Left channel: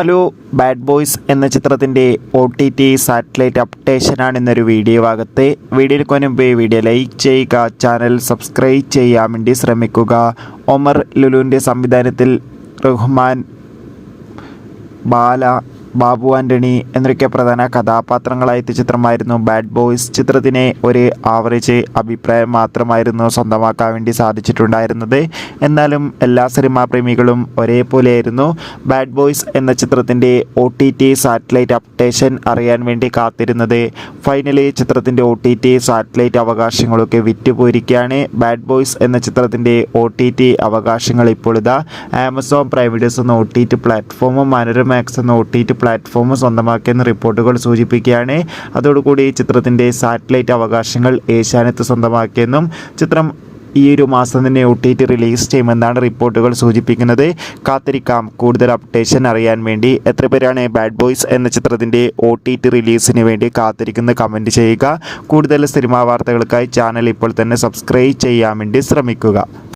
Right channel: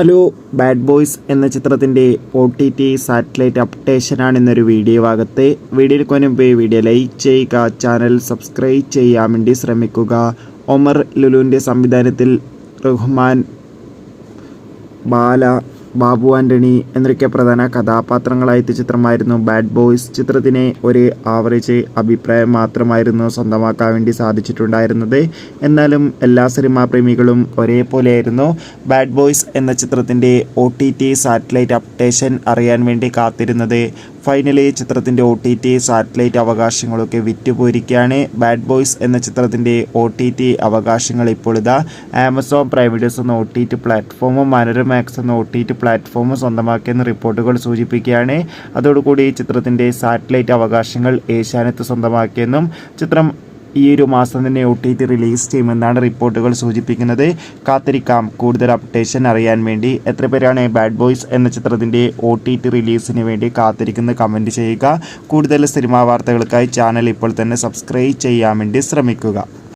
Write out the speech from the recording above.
Hello, bad boys എന്ന ചിത്രത്തിൻ്റെ OTT satellite അപ്ഡേഷനാണ് ഇന്നൊരു വീഡിയോ ഭാഗത്ത്. വീഡിയോയിൽ മുൻപ് വീഡിയോ ലൈക്ക് ചെയ്യുക, ചാനൽ സബ്സ്ക്രൈബ് ചെയ്യാൻ വേണ്ടി ശ്രമിക്കുക. ഒമർ ലുലുവിൻ്റെ സംവിധാനത്തിൽ റഹ്മാൻ, ബാല, ബാബു ആൻ്റണി എന്നൊക്കെ പ്രധാന കഥാപാത്രങ്ങളായ ചിത്രമായിരുന്നു ബാഡ് ബോയ്സ്. ചിത്രത്തിന് ഒരു ആവറേജ് അഭിപ്രായം മാത്രമായിരുന്നു സ്വന്തമാക്കാൻ വേണ്ടി സാധിച്ചിട്ടുണ്ടായിരുന്നത്. എന്നാലും എല്ലാ സിനിമാ പ്രേമികളും ഒരേപോലെയായിരുന്നു ബാഡ് ബോയ്സ് എന്ന ചിത്രത്തിൻ്റെ OTT സാറ്റലൈറ്റ് അപ്ഡേഷൻ അറിയാൻ വേണ്ടി കാത്തിരുന്നത്. ഫൈനലി ചിത്രത്തിൻ്റെ OTT സാറ്റലൈറ്റ് അവകാശങ്ങളൊക്കെ വിറ്റുപോയിരിക്കുകയാണ്. ബാഡ് ബോയ്സ് എന്ന ചിത്രത്തിൻ്റെ OTT അവകാശങ്ങൾ ഇപ്പോൾ ഇതാ ആമസോൺ പ്രൈം വീഡിയോസ് എന്ന OTT പ്ലാറ്റ്ഫോമും മനോരമാക്സ് എന്ന OTT പ്ലാറ്റ്ഫോം സ്വന്തമാക്കിയെന്ന് റിപ്പോർട്ടുകൾ സൂചിപ്പിക്കുകയാണ്. അതോടുകൂടി ചിത്രത്തിൻ്റെ സാറ്റലൈറ്റ് അവകാശങ്ങൾ ഏഷ്യാനെറ്റ് സ്വന്തമാക്കിയെന്നും ചിത്രം ഈ ഒരു മാസം തന്നെ OTT റിലീസ് ചെയ്യുമെന്നാണ് റിപ്പോർട്ടുകൾ സൂചിപ്പിക്കുന്നത്. കാത്തിരിക്കാം കൂടുതൽ അപ്ഡേഷൻ അറിയാൻ വേണ്ടി. എത്ര പേരാണ് ബാഡ് ബോയ്സ് എന്ന ചിത്രത്തിൻ്റെ OTT റിലീസിന് വേണ്ടി കാത്തിരിക്കുന്ന കമൻറ്റ് ചെയ്യുക. കൂടുതൽ സിനിമാ വാർത്തകൾക്കായി ചാനൽ ഇപ്പോൾ തന്നെ സബ്സ്ക്രൈബ് ചെയ്യാൻ വേണ്ടി ശ്രമിക്കുക.